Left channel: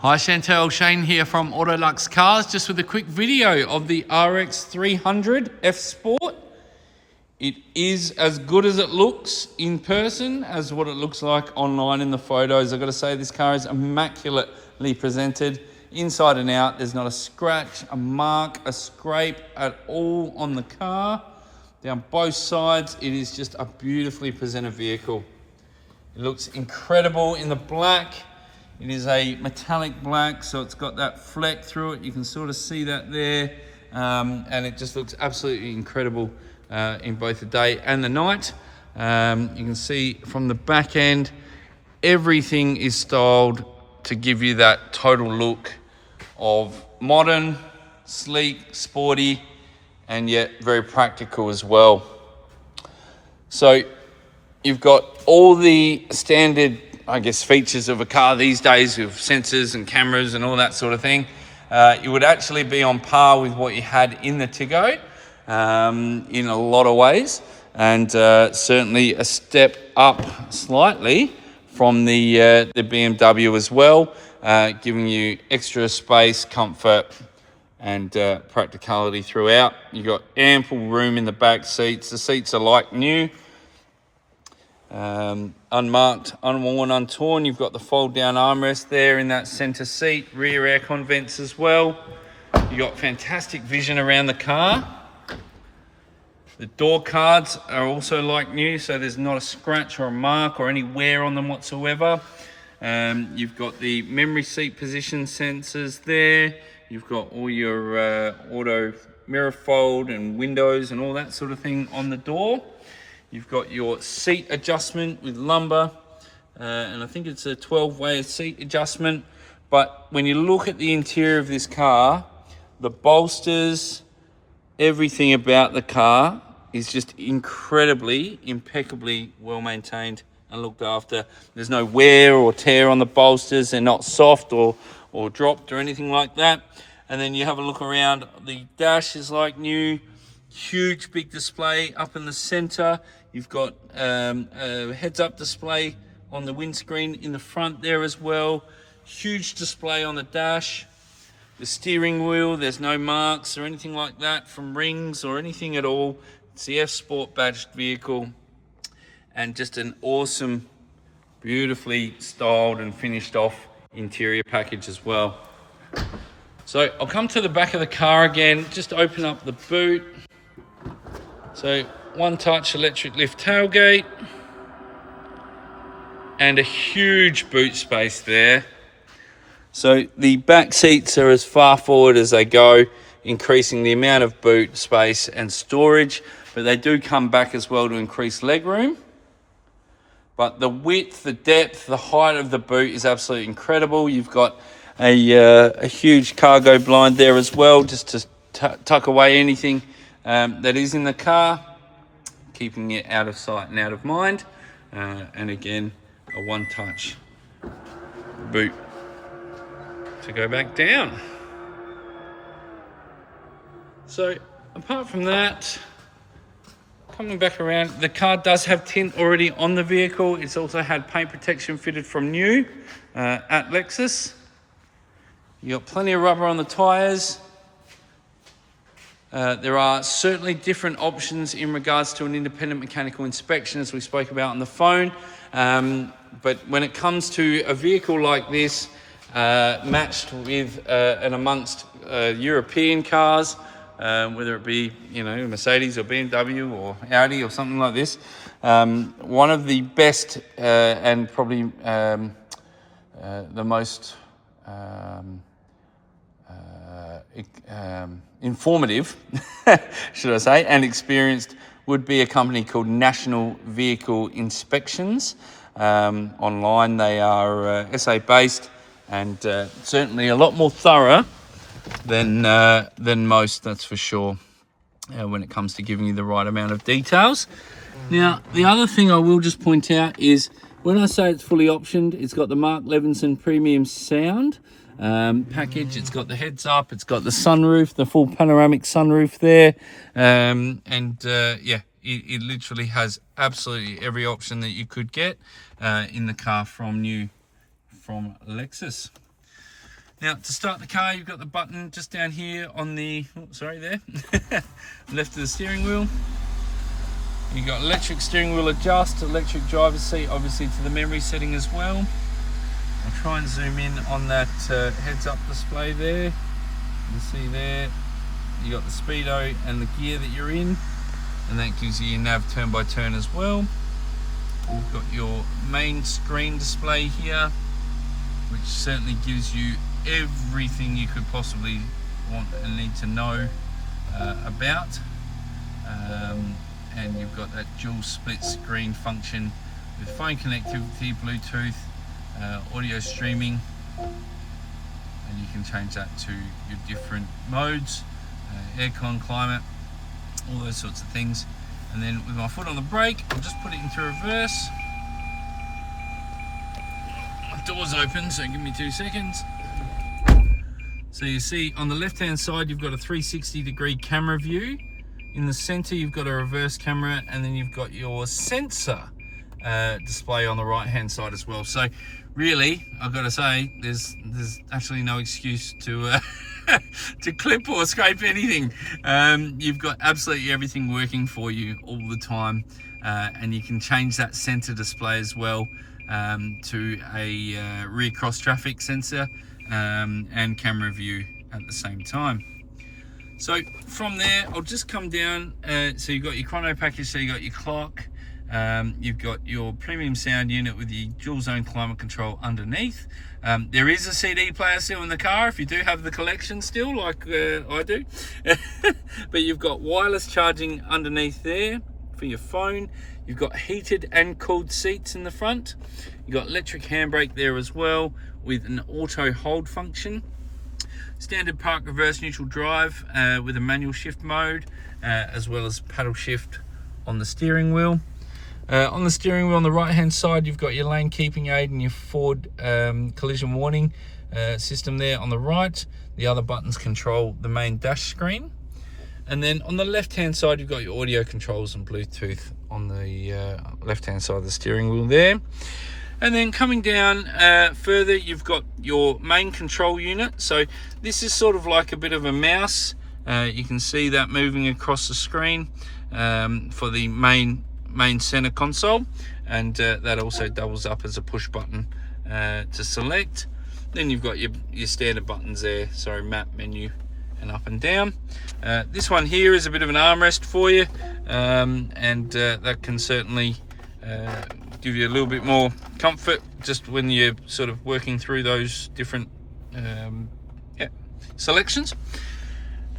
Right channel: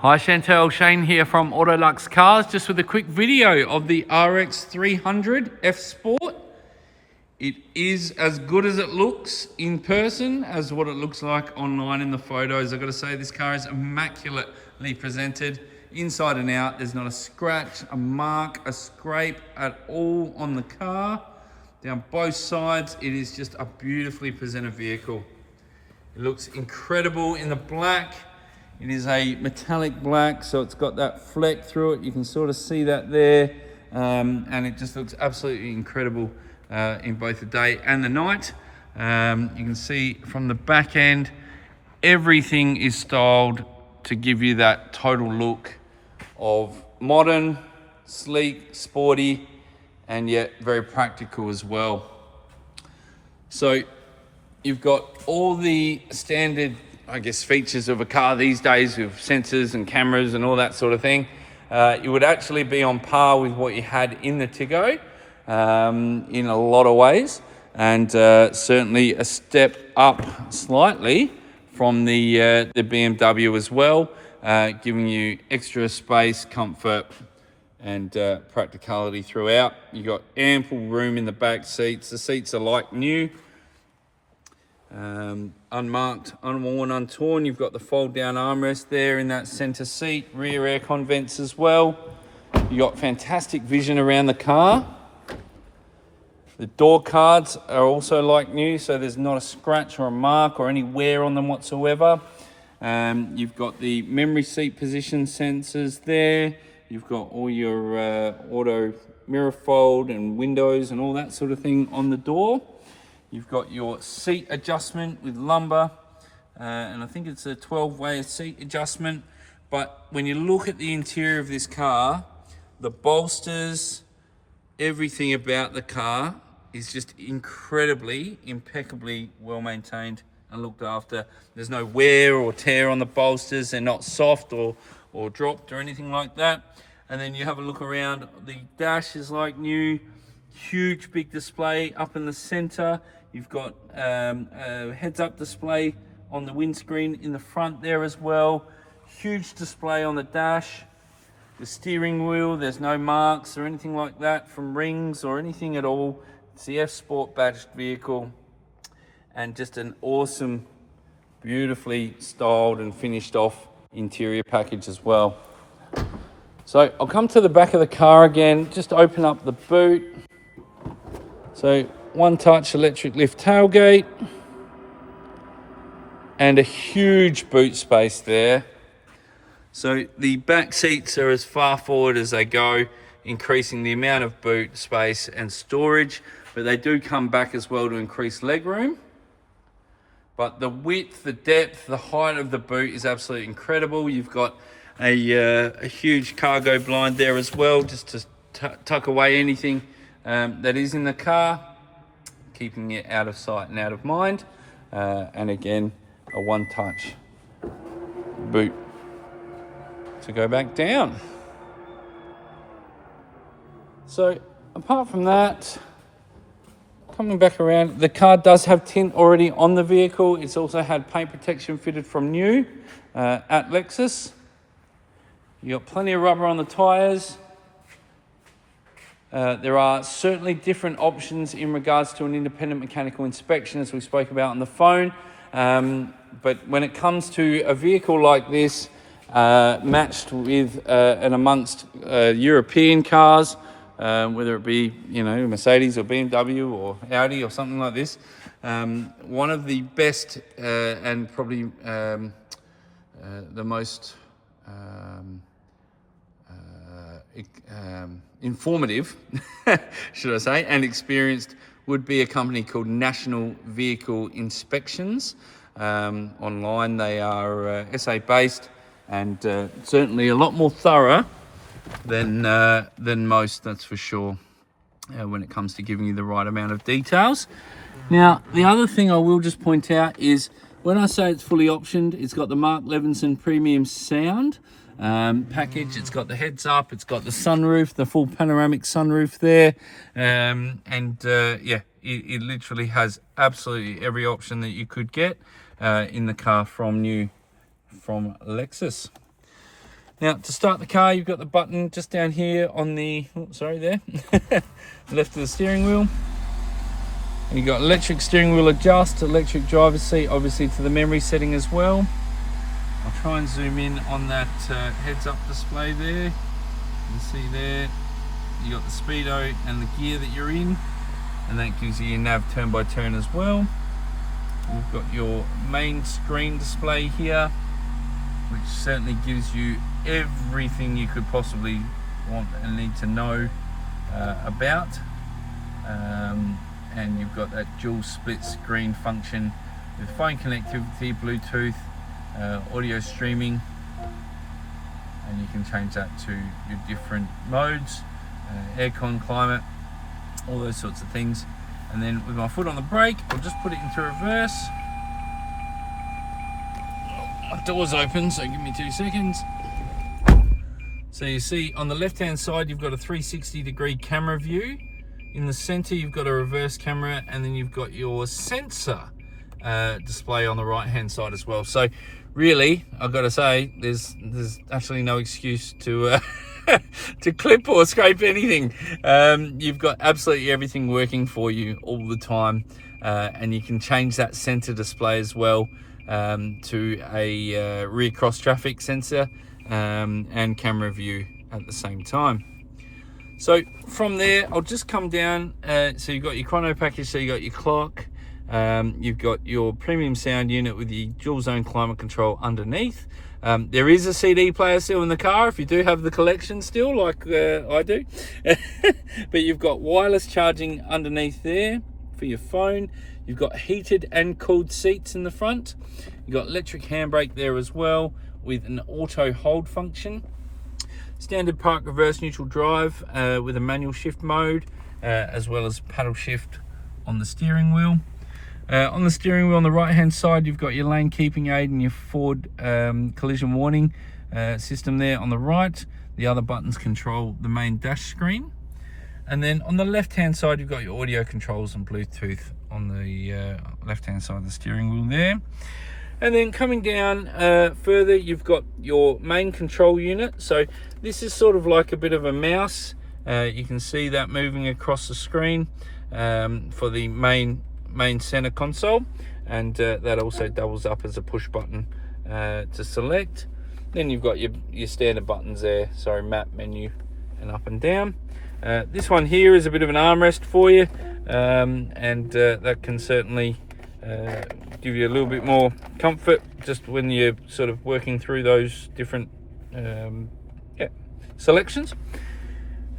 Hi Chantel, Shane here from Autoluxe Cars, just with a quick video of the RX300 F Sport. It is as good as it looks in person as what it looks like online in the photos. I've got to say, this car is immaculately presented inside and out. There's not a scratch, a mark, a scrape at all on the car. Down both sides, it is just a beautifully presented vehicle. It looks incredible in the black. It is a metallic black, so it's got that fleck through it. You can sort of see that there. And it just looks absolutely incredible in both the day and the night. You can see from the back end, everything is styled to give you that total look of modern, sleek, sporty, and yet very practical as well. So you've got all the standard, I guess, features of a car these days with sensors and cameras and all that sort of thing. You would actually be on par with what you had in the Tiggo in a lot of ways, and certainly a step up slightly from the BMW as well, giving you extra space, comfort, and practicality throughout. You've got ample room in the back seats. The seats are like new. Unmarked, unworn, untorn. You've got the fold down armrest there in that center seat, rear aircon vents as well. You got fantastic vision around the car. The door cards are also like new, so there's not a scratch or a mark or any wear on them whatsoever. You've got the memory seat position sensors there. You've got all your auto mirror fold and windows and all that sort of thing on the door. You've got your seat adjustment with lumbar, and I think it's a 12-way seat adjustment. But when you look at the interior of this car, the bolsters, everything about the car is just incredibly, impeccably well maintained and looked after. There's no wear or tear on the bolsters. They're not soft or dropped or anything like that. And then you have a look around, the dash is like new. Huge big display up in the center. You've got a heads-up display on the windscreen in the front there as well. Huge display on the dash. The steering wheel, there's no marks or anything like that from rings or anything at all. It's the F Sport badged vehicle, and just an awesome, beautifully styled and finished off interior package as well. So I'll come to the back of the car again, just open up the boot. So one touch electric lift tailgate, and a huge boot space there. So the back seats are as far forward as they go, increasing the amount of boot space and storage, but they do come back as well to increase legroom. But the width, the depth, the height of the boot is absolutely incredible. You've got a huge cargo blind there as well, just to tuck away anything that is in the car, keeping it out of sight and out of mind. And again, a one-touch boot to go back down. So apart from that, coming back around, the car does have tint already on the vehicle. It's also had paint protection fitted from new at Lexus. You got plenty of rubber on the tires. There are certainly different options in regards to an independent mechanical inspection, as we spoke about on the phone. But when it comes to a vehicle like this, matched with and amongst European cars, whether it be, Mercedes or BMW or Audi or something like this, one of the best and probably the most informative, should I say, and experienced would be a company called National Vehicle Inspections. Online, they are SA based, and certainly a lot more thorough than most, that's for sure, when it comes to giving you the right amount of details. Now, the other thing I will just point out is, when I say it's fully optioned, it's got the Mark Levinson premium sound package. It's got the heads up, it's got the sunroof, the full panoramic sunroof there, it literally has absolutely every option that you could get in the car from Lexus. Now, to start the car, you've got the button just down here on the, oh, sorry, there, left of the steering wheel. You've got electric steering wheel adjust, electric driver's seat, obviously to the memory setting as well. I'll try and zoom in on that heads-up display there. You can see there, you got the speedo and the gear that you're in, and that gives you your nav turn by turn as well. You've got your main screen display here, which certainly gives you everything you could possibly want and need to know about. And you've got that dual split screen function with phone connectivity, Bluetooth, audio streaming, and you can change that to your different modes, aircon, climate, all those sorts of things. And then with my foot on the brake, I'll just put it into reverse. My door's open, so give me 2 seconds. So you see on the left hand side you've got a 360-degree camera view. In the center you've got a reverse camera, and then you've got your sensor display on the right hand side as well. So really, I've got to say, there's actually no excuse to to clip or scrape anything. You've got absolutely everything working for you all the time, and you can change that center display as well to a rear cross traffic sensor and camera view at the same time. So from there, I'll just come down. So you've got your chrono package, so you've got your clock, you've got your premium sound unit with your dual zone climate control underneath. There is a CD player still in the car if you do have the collection still, like I do. But you've got wireless charging underneath there for your phone. You've got heated and cooled seats in the front. You've got electric handbrake there as well with an auto hold function. Standard park reverse neutral drive with a manual shift mode, as well as paddle shift on the steering wheel. On the steering wheel on the right hand side, you've got your lane keeping aid and your forward collision warning system there on the right. The other buttons control the main dash screen. And then on the left hand side, you've got your audio controls and Bluetooth on the left hand side of the steering wheel there. And then coming down further, you've got your main control unit. So this is sort of like a bit of a mouse. You can see that moving across the screen for the main center console, and that also doubles up as a push button to select. Then you've got your standard buttons there, sorry, map, menu, and up and down. This one here is a bit of an armrest for you, and that can certainly give you a little bit more comfort just when you're sort of working through those different selections.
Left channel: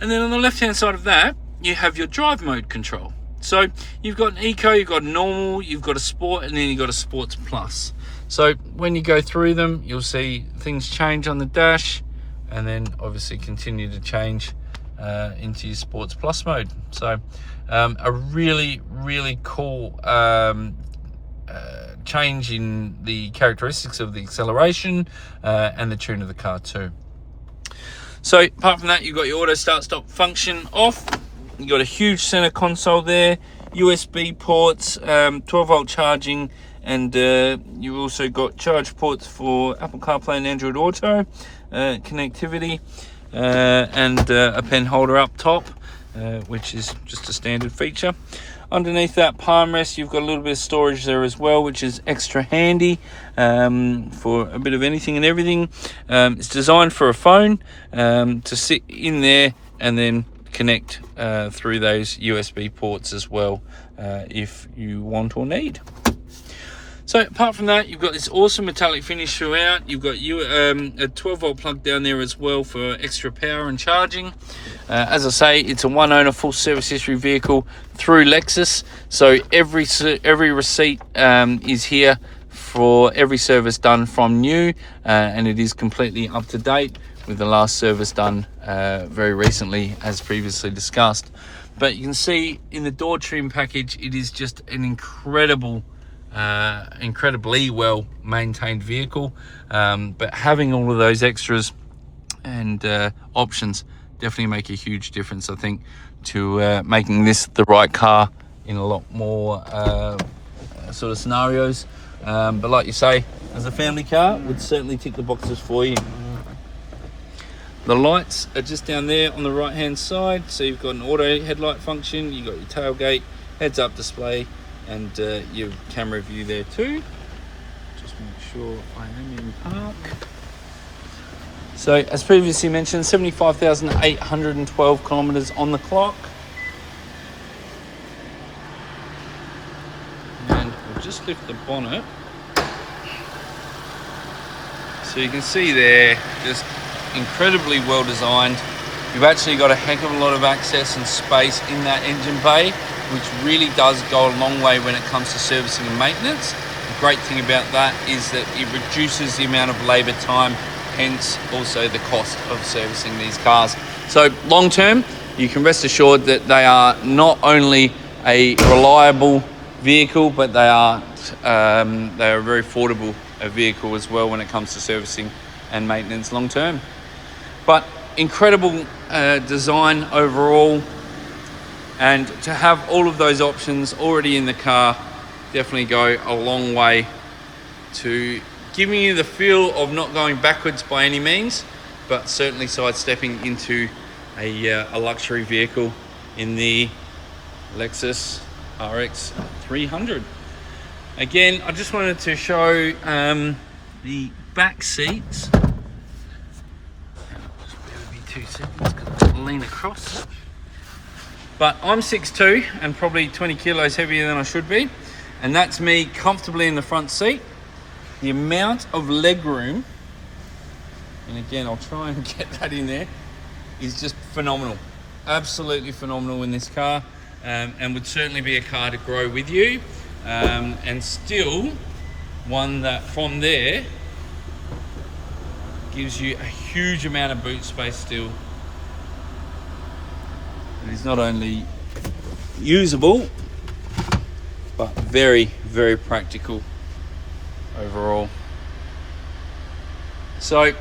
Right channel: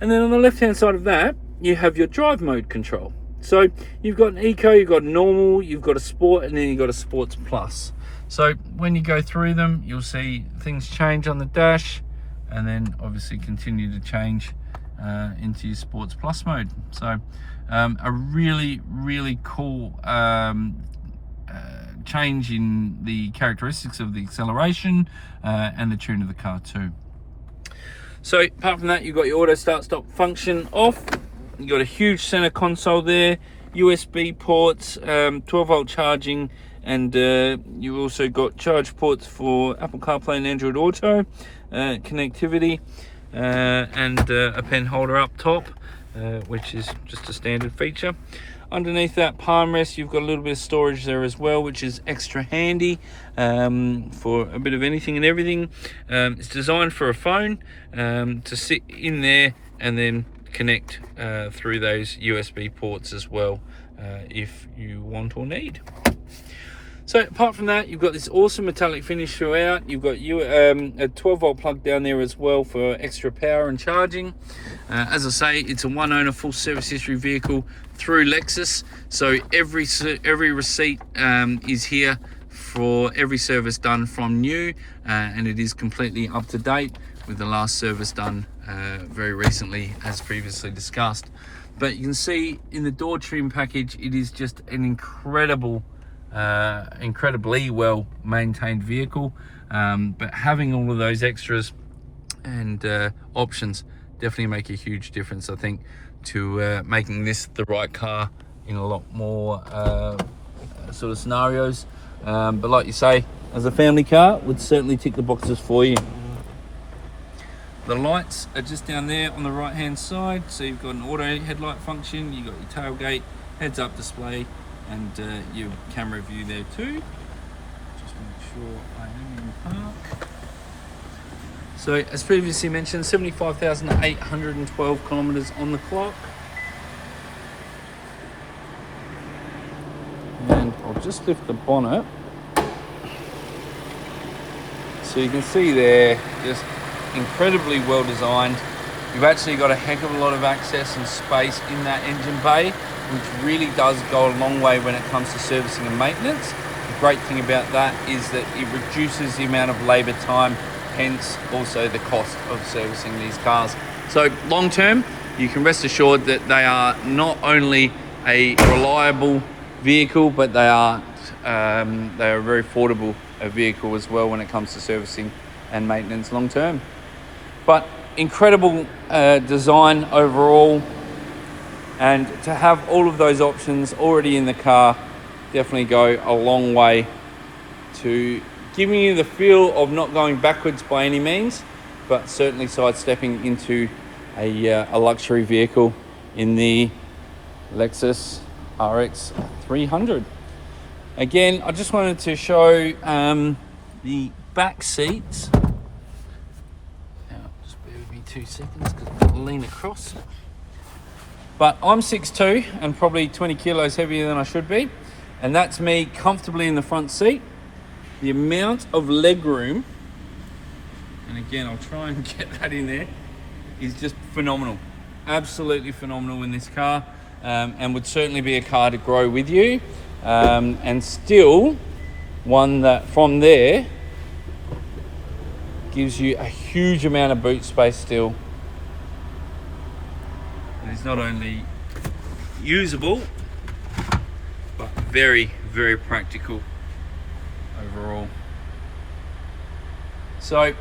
And then on the left hand side of that, you have your drive mode control. So you've got an eco, you've got normal, you've got a sport, and then you've got a sports plus. So when you go through them, you'll see things change on the dash, and then obviously continue to change into your sports plus mode. So a really cool change in the characteristics of the acceleration and the tune of the car too. So apart from that, you've got your auto start stop function off. You've got a huge center console there, USB ports, 12-volt charging, and you've also got charge ports for Apple CarPlay and Android Auto connectivity, and a pen holder up top, which is just a standard feature. Underneath that palm rest, you've got a little bit of storage there as well, which is extra handy for a bit of anything and everything. It's designed for a phone to sit in there and then connect through those USB ports as well if you want or need. So apart from that, you've got this awesome metallic finish throughout. You've got a 12-volt plug down there as well for extra power and charging. As I say, it's a one-owner full service history vehicle through Lexus. So every receipt is here for every service done from new, and it is completely up to date with the last service done very recently, as previously discussed. But you can see in the door trim package, it is just an incredibly well maintained vehicle, but having all of those extras and options definitely make a huge difference, I think, to making this the right car in a lot more sort of scenarios. But like you say, as a family car, it would certainly tick the boxes for you. The lights are just down there on the right hand side. So you've got an auto headlight function, you've got your tailgate, heads up display, and your camera view there too. Just make sure I am in park. So as previously mentioned, 75,812 kilometers on the clock. And I'll just lift the bonnet. So you can see there, just incredibly well designed. You've actually got a heck of a lot of access and space in that engine bay, which really does go a long way when it comes to servicing and maintenance. The great thing about that is that it reduces the amount of labor time, hence also the cost of servicing these cars. So long term, you can rest assured that they are not only a reliable vehicle, but they are a very affordable vehicle as well when it comes to servicing and maintenance long term. But incredible design overall, and to have all of those options already in the car definitely go a long way to giving you the feel of not going backwards by any means, but certainly sidestepping into a luxury vehicle in the Lexus RX300. Again, I just wanted to show the back seats. Just bear with me 2 seconds, got to lean across. But I'm 6'2" and probably 20 kilos heavier than I should be, and that's me comfortably in the front seat. The amount of leg room, and again I'll try and get that in there, is just phenomenal. Absolutely phenomenal in this car, and would certainly be a car to grow with you, and still one that from there gives you a huge amount of boot space still. It is not only usable, but very, very practical overall. So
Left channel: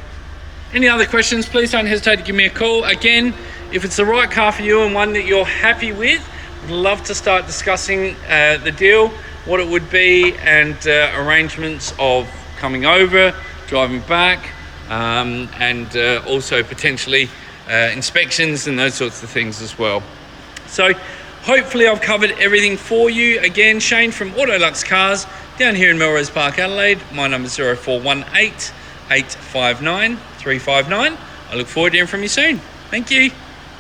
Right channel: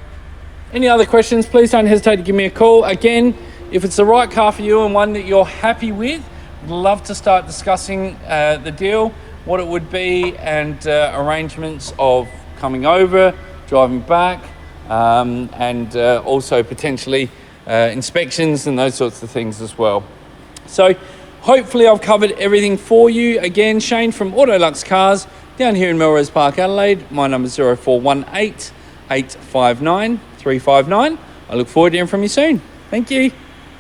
any other questions, please don't hesitate to give me a call. Again, if it's the right car for you and one that you're happy with, I'd love to start discussing the deal, what it would be, and arrangements of coming over, driving back, and also potentially inspections and those sorts of things as well. So hopefully I've covered everything for you. Again, Shane from Autoluxe Cars down here in Melrose Park, Adelaide. My number is 0418 859 359. I look forward to hearing from you soon. Thank you.